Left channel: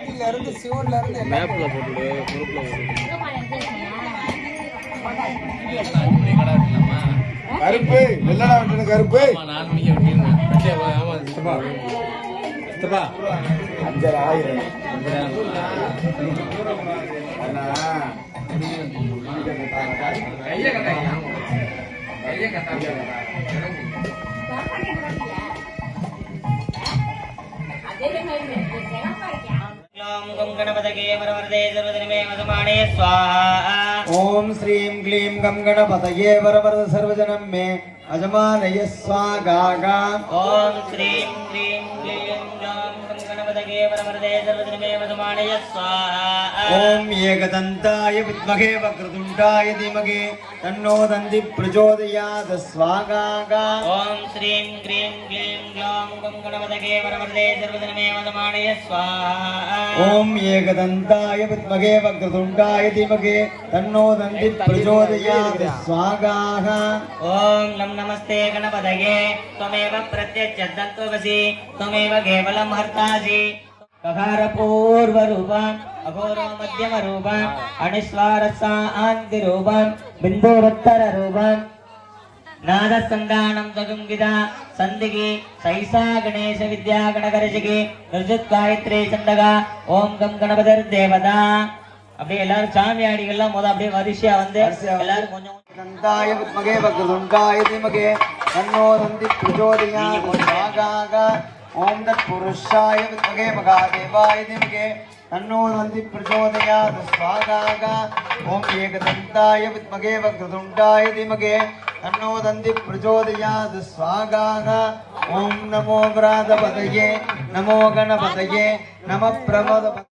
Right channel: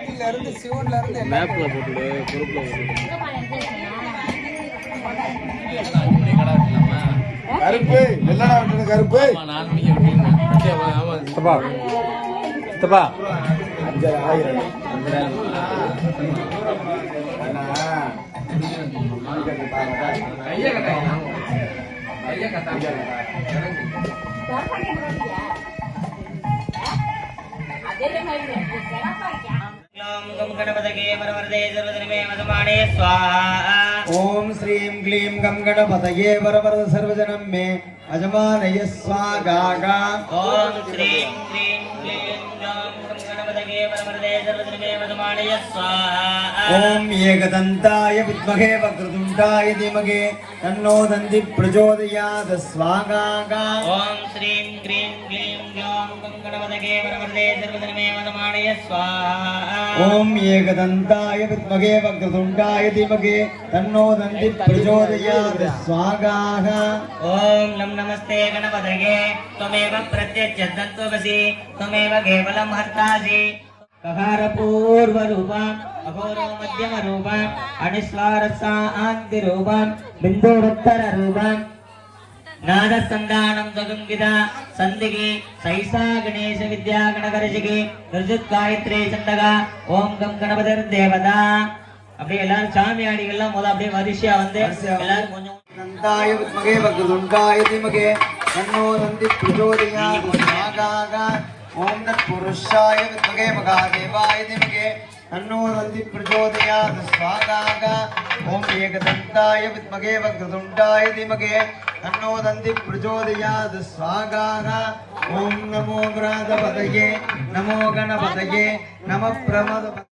சக்தியில இருந்து சிவன்ல இருந்து கருப்பு வெள்ளடா விட்டு கருப்பு ओम श्रीं क्लीं गं गणपतये वरवरद सर्वजनं मे अजमानय स्वाहा। ओम श्रीं क्लीं गं गणपतये वरवरदे सर्वजनं मे अजमानय स्वाहा। ओम एकदन्ताय विद्महे वक्रतुण्डाय धीमहि तन्नो दन्ति प्रचोदयात् स्वाहा। ओम श्रीं क्लीं गं गणपतये वरवरदे सर्वजनं मे अजमानय स्वाहा। ओम एकदन्ताय विद्महे वक्रतुण्डाय धीमहि तन्नो दन्ति प्रचोदयात् स्वाहा। ओम नम नमस्ते गणपतये त्वमेव प्रत्यक्षदन्तोऽसि त्वमेव केवलं हर्तासि। ककार पूर्व रूपम् अघोरो मध्यम रूपम् अनिस्वारसान्ति रूपम् बिन्दुरुत्तर रूपम् नादसंधानं चतुर्विधा संदिगे सैसा गणेश विद्या गणकर्षिके निर्जुत गायत्री चंडगा ओम गम गणपतिर देवता। அப்படியே எல்லாரும் சாமியாடிகள்லாம் முதல்ல அப்படியே வரிசையா வந்து எல்லாரும் கொஞ்சம் दन्ताय विद्महे वक्रतुण्डाय धीमहि तन्नो दन्ति प्रचोदयात् स्वाहा। ओम तत्पुरुषाय विद्महे महादेवाय धीमहि तन्नो दन्ति प्रचोदयात् स्वाहा। ओम एकदन्ताय विद्महे वक्रतुण्डाय धीमहि तन्नो दन्ति प्रचोदयात् स्वाहा। ओम नमो गणाधिपतये नमो गणपतये नमः प्रमोद।